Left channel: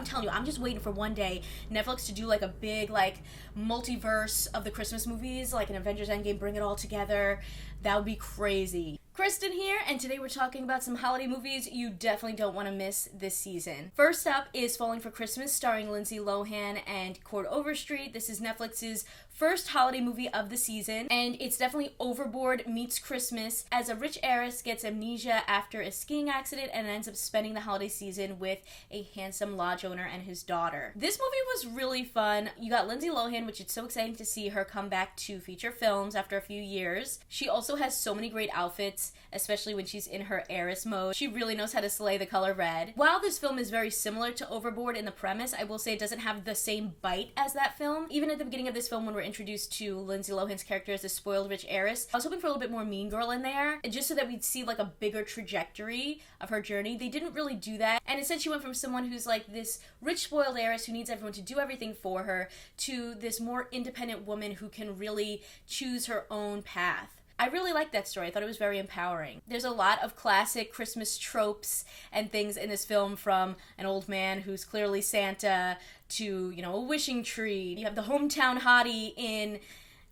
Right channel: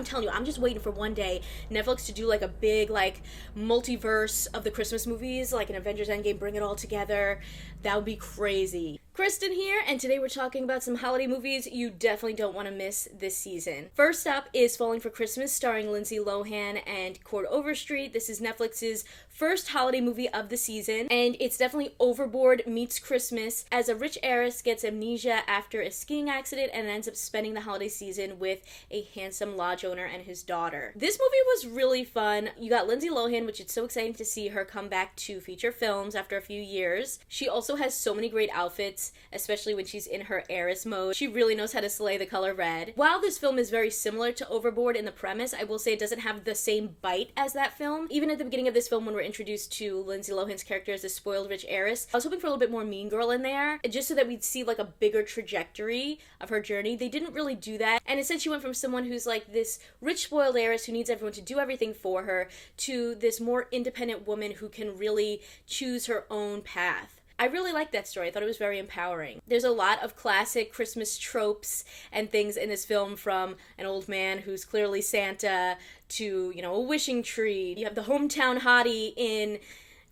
I'm telling you, I'm just waiting for one day Netflix to do like a big like multiverse of the Christmas movies, like an Avengers Endgame, bring it all together. That would be crazy. Kristen here, and today we're talking about some holiday movies you definitely don't want to miss this season. First up is Falling for Christmas, starring Lindsay Lohan and Cord Overstreet. This is Netflix's first holiday movie of the season, and it's definitely Overboard meets Christmas, as a rich heiress gets amnesia after a skiing accident and ends up spending the holiday season with a handsome lodge owner and his daughter. This movie was really fun. You got Lindsay Lohan, which is so exciting to see her come back to feature films after a few years. She also has so many great outfits, especially when she's in her heiress mode. She really knows how to slay the color red. While this film is very similar to Overboard in the premise, I will say it doesn't have the same bite as that film. Even at the beginning of this film, when we're introduced to Lindsay Lohan's character as a spoiled rich heiress, I was hoping for a little bit more Mean Girl in there, just so that we'd see like a bigger trajectory of her journey. They didn't really do that, and instead she went from someone who's like this rich spoiled heiress who needs everyone to do everything for her to this more independent woman who can really choose her own path. I really liked that story. I thought it was very empowering. There's a lot of classic Christmas tropes and things in this film, from an old man who's clearly Santa to, you know, a wishing tree. You have the hometown hottie in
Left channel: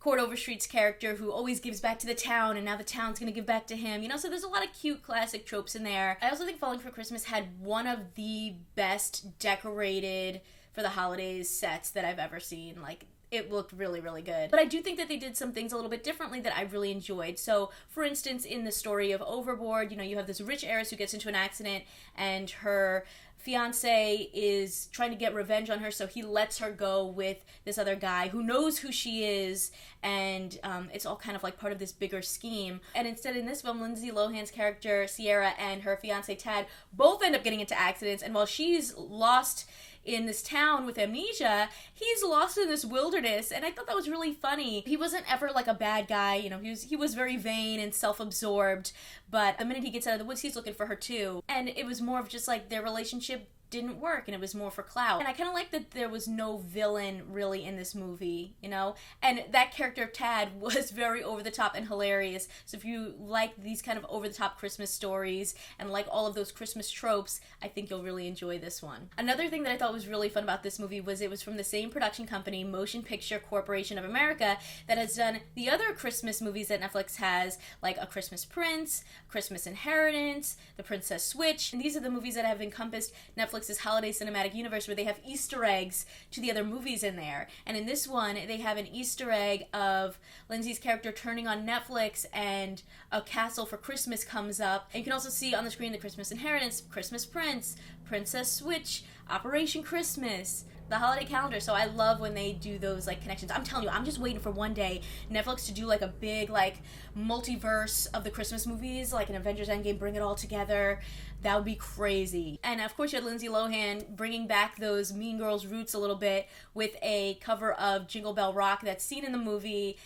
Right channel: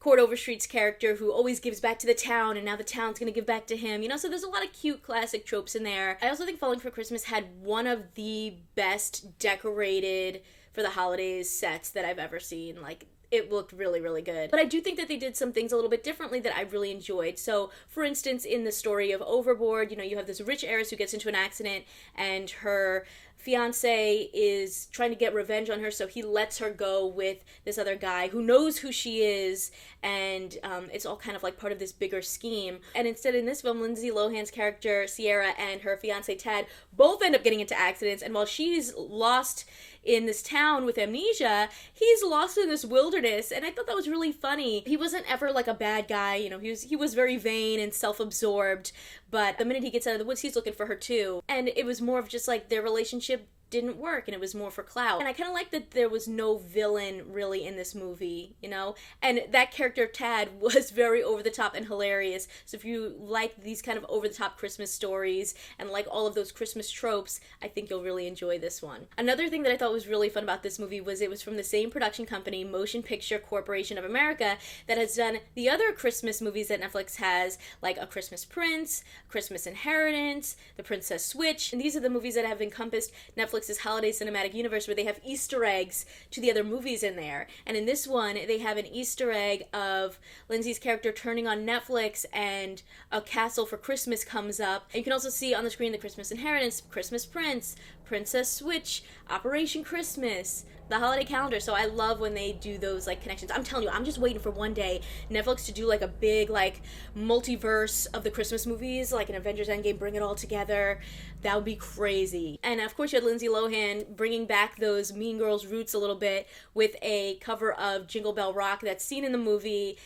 Cord Overstreet's character who always gives back to the town, and now the town's gonna give back to him, you know, so there's a lot of cute classic tropes in there. I also think Falling for Christmas had one of the best decorated for the holidays sets that I've ever seen. Like, it looked really, really good. But I do think that they did some things a little bit differently that I really enjoyed. So, for instance, in the story of Overboard, you know, you have this rich heiress who gets into an accident, and her fiance is trying to get revenge on her, so he lets her go with this other guy who knows who she is, and it's all kind of like part of this bigger scheme. And instead, in this film, Lindsay Lohan's character Sierra and her fiance Tad both end up getting into accidents, and while she's lost in this town with amnesia, he's lost in this wilderness, and I thought that was really funny. He wasn't ever like a bad guy, you know, he was very vain and self-absorbed, but the minute he gets out of the woods, he's looking for her too. And it was more of just like their relationship didn't work, and it was more for clout. And I kind of like that there was no villain really in this movie, you know, and that character Tad was very over the top and hilarious. So if you like these kind of over the top Christmas stories and like all of those Christmas tropes, I think you'll really enjoy this one. Another thing that I thought was really fun about this movie was it was from the same production company, Motion Picture Corporation of America, that has done the other Christmas movies that Netflix has, like A Christmas Prince, Christmas Inheritance, The Princess Switch, and these are the movies that have encompassed Netflix's holiday cinematic universe, where they have Easter eggs to the other movies in there. And in this one, they have an Easter egg of Lindsay's character turning on Netflix, and A Castle for Christmas comes up. And you can also see on the screen the Christmas Inheritance, Christmas Prince, Princess Switch, Operation Christmas, the holiday calendar. So I love when they do those like connections. I'm telling you, I'm just waiting for one day Netflix to do like a big like multiverse of the Christmas movies, like an Avengers Endgame, bring it all together. That would be crazy. And of course you had Lindsay Lohan bringing back those Mean Girls roots a little bit with a cover of Jingle Bell Rock that's seen in the movie.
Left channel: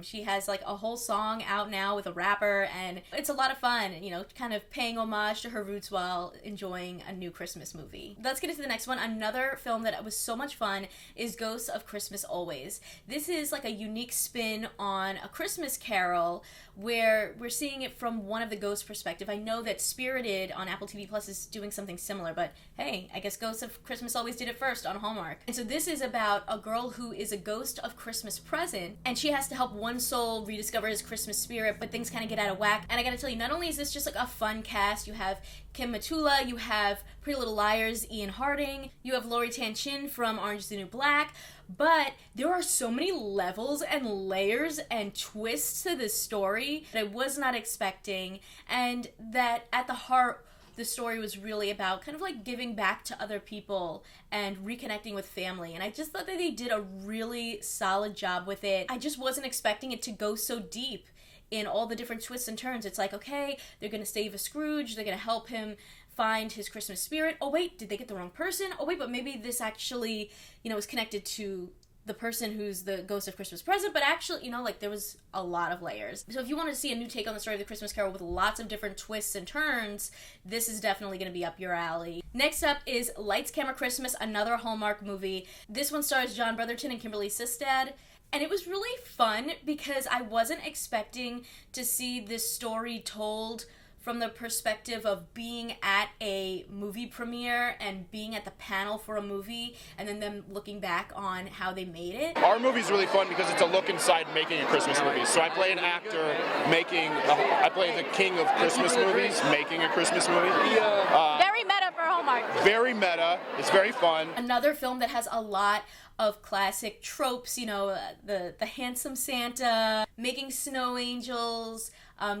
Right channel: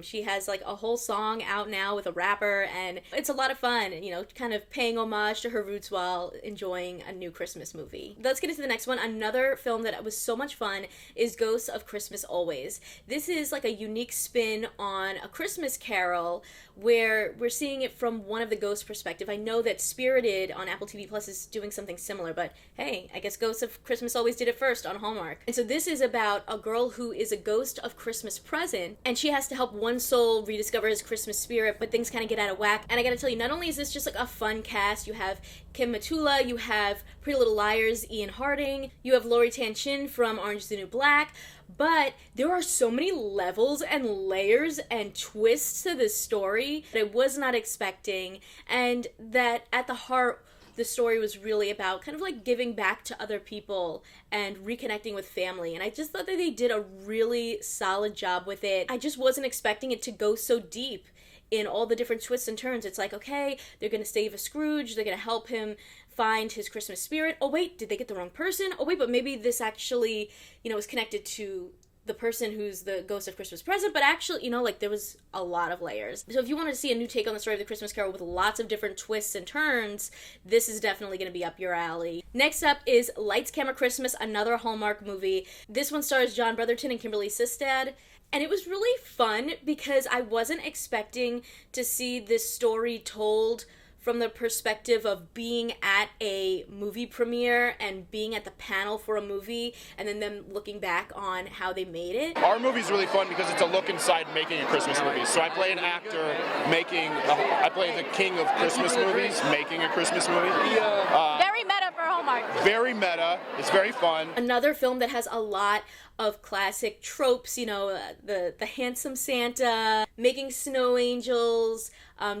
She has like a whole song out now with a rapper, and it's a lot of fun, you know, kind of paying homage to her roots while enjoying a new Christmas movie. Let's get into the next one. Another film that was so much fun is Ghosts of Christmas Always. This is like a unique spin on A Christmas Carol, where we're seeing it from one of the ghosts' perspective. I know that Spirited on Apple TV Plus is doing something similar, but hey, I guess Ghosts of Christmas Always did it first on Hallmark. And so this is about a girl who is a ghost of Christmas present, and she has to help one soul rediscover his Christmas spirit, but things kind of get out of whack. And I gotta tell you, not only is this just like a fun cast, you have Kim Matula, you have Pretty Little Liars' Ian Harding, you have Lori Tanchin from Orange is the New Black, but there are so many levels and layers and twists to this story that I was not expecting, and that at the heart, the story was really about kind of like giving back to other people and reconnecting with family. And I just thought that they did a really solid job with it. I just wasn't expecting it to go so deep in all the different twists and turns. It's like, okay, they're going to save a Scrooge, they're going to help him find his Christmas spirit. Oh wait, did they get the wrong person? Oh wait, but maybe this actually, you know, is connected to the person who's the ghost of Christmas present, but actually, you know, like there was a lot of layers. So if you want to see a new take on the story of the Christmas Carol with lots of different twists and turns, this is definitely going to be up your alley. Next up is Lights, Camera, Christmas, another Hallmark movie. This one stars John Brotherton and Kimberly Sistad. And it was really fun because I wasn't expecting to see this story told from the perspective of being at a movie premiere and being at the panel for a movie and then them looking back on how they made it. Our movie's really fun because it's a look inside making a Christmas movie. So I play an actor I play the king of Christmas movies making a Christmas movie. Very meta for Hallmark. Very meta. It's very fun. Another film that has a lot of classic tropes, you know, the handsome Santa, making snow angels,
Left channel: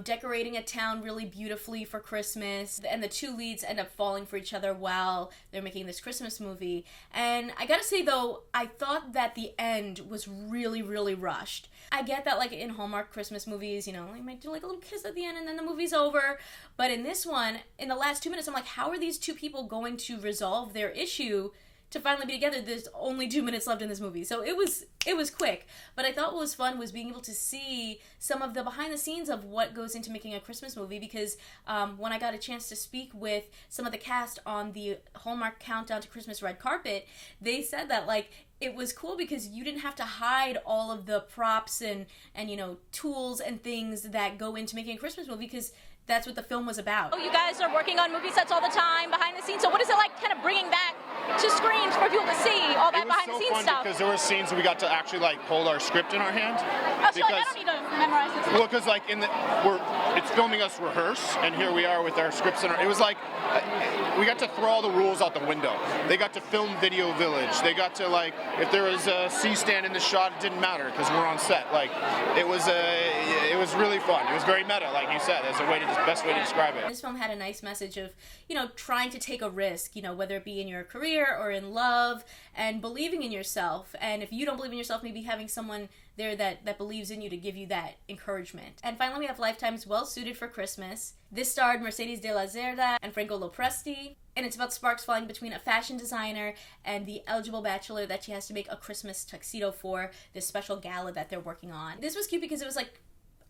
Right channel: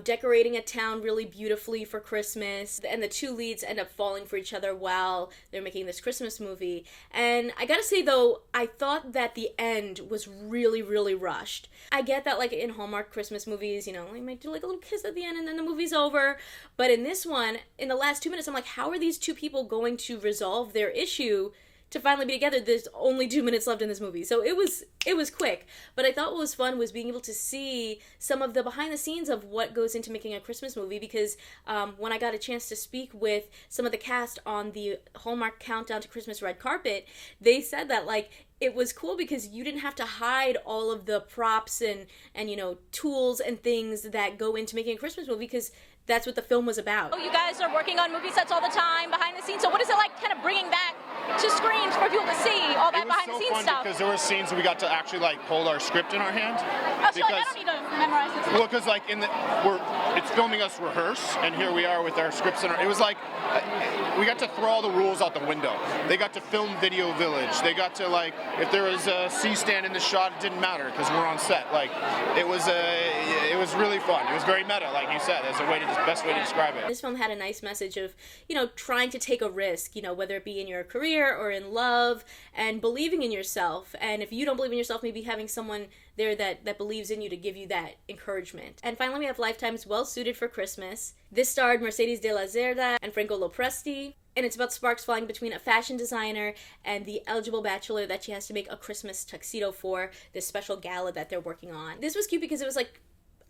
decorating a town really beautifully for Christmas, and the two leads end up falling for each other while they're making this Christmas movie. And I gotta say though, I thought that the end was really, really rushed. I get that like in Hallmark Christmas movies, you know, they might do like a little kiss at the end and then the movie's over. But in this one, in the last 2 minutes, I'm like, how are these two people going to resolve their issue to finally be together? There's only 2 minutes left in this movie. So it was quick. But I thought what was fun was being able to see some of the behind the scenes of what goes into making a Christmas movie, because when I got a chance to speak with some of the cast on the Hallmark Countdown to Christmas red carpet, they said that like it was cool because you didn't have to hide all of the props and you know, tools and things that go into making a Christmas movie, because that's what the film was about. Oh, you guys are working on movie sets all the time, behind the scenes. So what is it like kind of bringing back to screens for people to see all that behind the scenes stuff? It was so fun because there were scenes where we got to actually like hold our script in our hand. Oh, so like, I don't need to memorize this. Well, because like it's filming us rehearse, and here we are with our scripts in our. It was like we got to throw all the rules out the window. They got to film Video Village. They got to like, if there was a C-stand in the shot, it didn't matter because we're on set. Like it was really fun. It was very meta, like you said. As a way to best way to describe it. This film had a nice message of, you know, trying to take a risk, you know, whether it be in your career or in love, and believing in yourself. And if you don't believe in yourself, maybe having someone there that believes in you to give you that encouragement. And finally, we have Lifetime's Well Suited for Christmas. This starred Mercedes de la Cerda and Franco Lopresti, and it's about sparks flying between a fashion designer and the eligible bachelor that she has to make a Christmas tuxedo for this special gala that they're working on. This was cute because it was like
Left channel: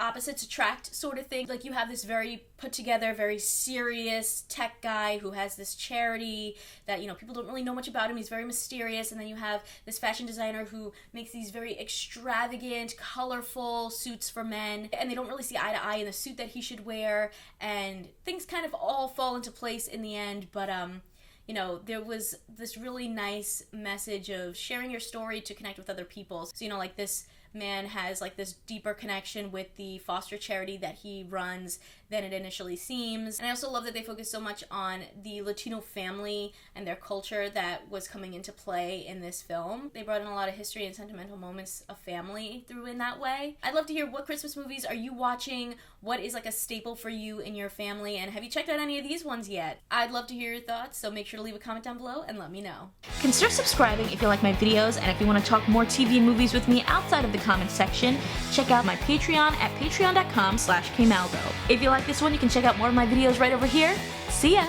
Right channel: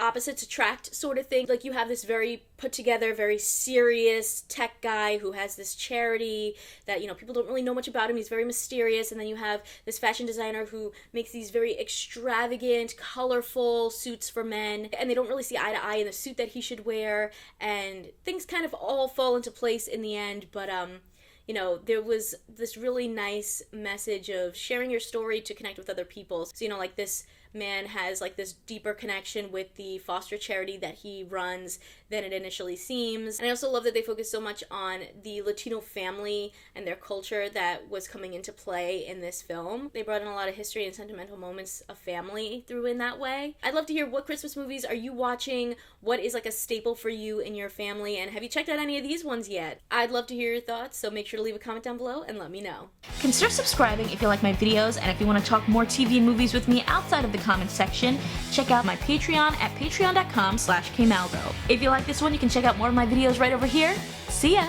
opposites attract sort of thing. Like you have this very put together, very serious tech guy who has this charity that, you know, people don't really know much about him. He's very mysterious. And then you have this fashion designer who makes these very extravagant, colorful suits for men. And they don't really see eye to eye in the suit that he should wear. And things kind of all fall into place in the end. But, you know, there was this really nice message of sharing your story to connect with other people. So, you know, like this man has like this deeper connection with the foster charity that he runs than it initially seems. And I also love that they focus so much on the Latino family and their culture that was coming into play in this film. They brought in a lot of history and sentimental moments of family through in that way. I'd love to hear, what Christmas movies are you watching? What is like a staple for you and your family? And have you checked out any of these ones yet? I'd love to hear your thoughts, so make sure to leave a comment down below and let me know. Consider subscribing if you like my videos, and if you want to talk more TV and movies with me outside of the comment section, check out my Patreon at patreon.com/kmaldo. If you like this one, you can check out more of my videos right over here. See ya!